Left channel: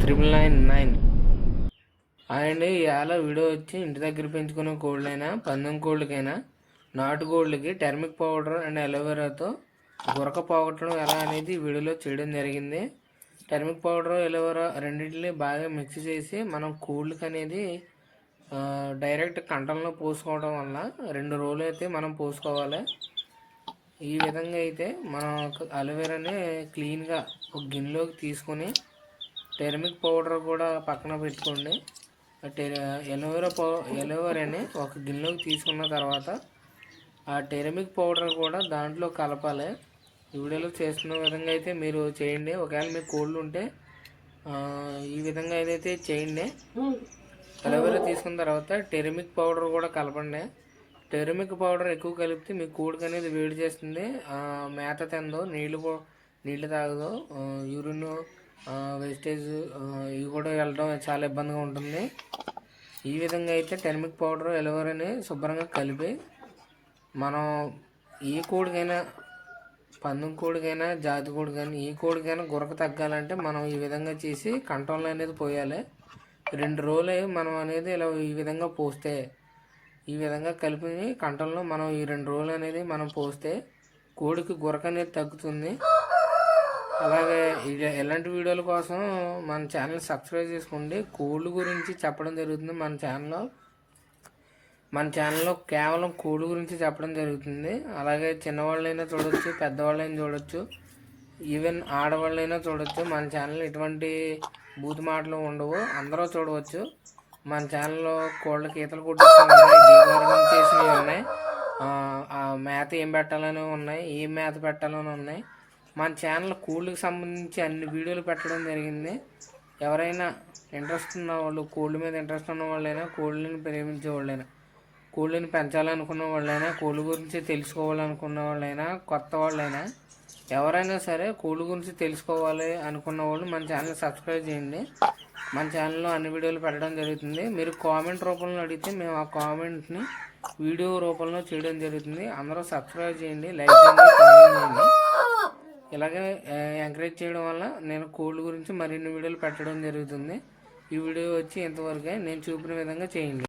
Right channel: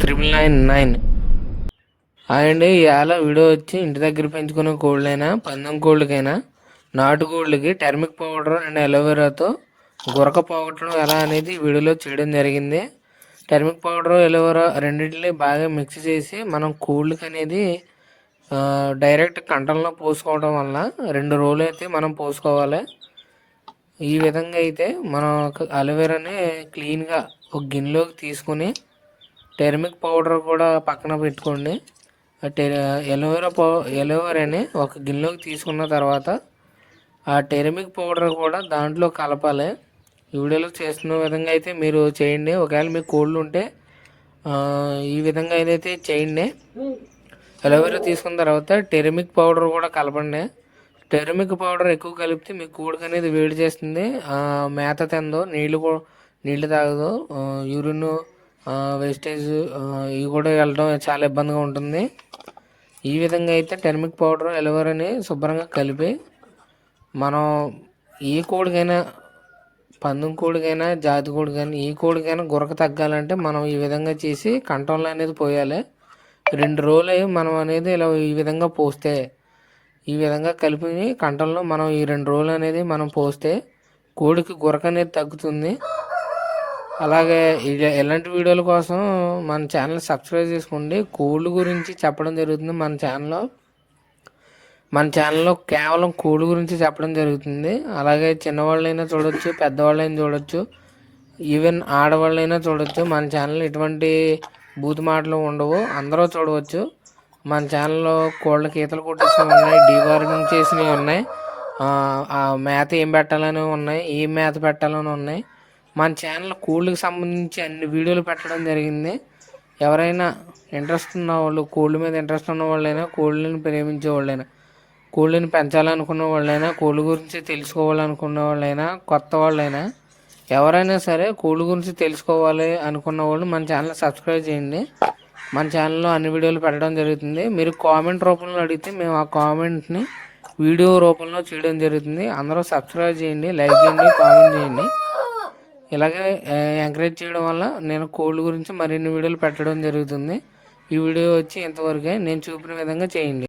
Triple nine nine. అండి ఇవాళ video వచ్చి ఇంటి దగ్గర పెంచుకునే కోళ్ళైనా పందెం కోళ్ళకైనా నాటు కోళ్ళకి టర్మిక్ పౌడర్ అండ్ అలోవెరాతో గురక పోగొట్టడం ఎలా అనేది వీడియోలో చేయడం జరిగింది. టర్మిక్ పౌడర్ ఎలోవెరా రెండింటిని బాగా మిక్స్ చేసి మనం కోళ్ళకి అనేది డైరెక్ట్ కంటంలో పోసుకోవడం వల్ల రెండు రోజులు అయితే మనం పోసుకోవాలి. ఈ విధంగా అయితే మనం ఒక అలోవెరాని క్లీన్గా ఒక గిన్నెలోకి తీసుకుని టెర్మిక్ పౌడర్ కూడా పక్కన పెట్టుకోండి. ఎలోవేరా ఎలోవెరా పౌ ఎలోవెరాని ఒక గిన్నెలోకి తీసుకున్న తర్వాత ఆ టెర్మిక్ పౌడర్ కూడా దాంట్లో కలపాలి. ఈ వీడియోలో చేస్తున్న విధంగా అయితే మీరు చేయండి. ఒకవేళ మీకు కోళ్ళు ఉంటే ఈ విధంగా ఏదైతే చేయండి. ఎలోవేరా తీసుకున్న తర్వాత టెర్మిక్ పౌడర్ కూడా కలపండి. టెర్మిక్ పౌడర్ ఎక్కువ కలిపితే మీ కోడికి అనేది వేడి చేస్తుంది. మేత తిందో నీళ్ళు కూడా నీళ్ళు తాగదు యూరిన్ వేస్టేజ్ ఇవి కూడా వెళ్ళడం చాలా ఇబ్బందిగా ఉంటుంది. ఈ విధంగా అయితే టెర్మిక్ పౌడర్ ఎలవరని శుభ్రంగా కలిపి మనం ఏ కోడికైనా పందెం కోడికైనా జాతి కోడికైనా ఏ కోడికైనా గురక తగ్గాలంటే మనం ఈ విధంగా చేసి కంట్రోల్ అనేది పోయాలి. రెండు రోజులు మనం అనేది ఇలా ఈ విధంగా పోస్తే ఈ విధంగా కలిపి కంటంలో మనం ఈ రెండు రోజులు అనేది మనం పోస్తే కోడికి గురక అనేది తగ్గుతుంది. అలాగే ఇలాంటి వీడియోల కోసం మన ఛానల్ సబ్స్క్రైబ్ చేసుకోండి. కోళ్ళు గురించి చెప్పడం జరుగుతుంది మన ఛానల్లో. మన ఛానల్లో కేవలం కోడి గురించి చెప్పడం జరుగుతుంది. అలాగే చిన్నవాళ్ళైనా చూడొచ్చు పెద్దవాళ్ళైనా చూడొచ్చు ఈవెన్ ఆడవాళ్ళైనా చూడొచ్చు. మన ఛానల్ ఎటువంటి బూత్ మాటలు ఉండవు అందరూ చూడవచ్చు. మన ఛానల్లో కోళ్ళ గీతలు కొట్టించినవి ఉన్నాయి డీవార్మింగ్ చేసినవి ఉన్నాయి. ఆ మేత ఏం పెట్టాలని ఉన్నాయి ఏం మేత పెట్టాలని ఉన్నాయి. మన ఛానల్ కోళ్ళకి సంబంధించి అన్ని వీడియోలు పెట్టడం జరిగింది. ఎవరైనా ఇంట్రెస్ట్ ఉన్న వాళ్ళు కోళ్ళ మీద ఇంట్రెస్ట్ ఉన్న వాళ్ళైనా కోళ్ళని ప్రేమించే వాళ్ళైనా కోళ్ళని పెంచాలనుకున్న వాళ్ళైనా కోళ్ళ గురించి తెలుసుకోవాలనుకున్న వాళ్ళైనా కొత్త వాళ్ళైనా ఎవరైనా సరే కోళ్ళ గురించి తెలుసుకోవాలి అనుకున్న వాళ్ళు మన ఛానల్ సబ్స్క్రైబ్ చేయండి. మన ఛానల్లో అన్ని వీడియోలు పెట్టడం జరుగుతుంది. మీరు కామెంట్ రూపంలో అడిగితే మేము ఆ కామెంట్ని వీడియో రూపంలో చేయడం జరుగుతుంది. అందరూ సబ్స్క్రైబ్ చేయండి లైక్ చేయండి కామెంట్ చేయండి. ఇలాగే ఎంకరేజ్ చేయడం వల్ల నేను కోళ్ళ గురించి మరిన్ని వీడియోలు పెట్టడం జరుగుతుంది. ఈ వీడియో వచ్చి ఇంతవరకే. నేను చూపిన విధంగా చేయండి.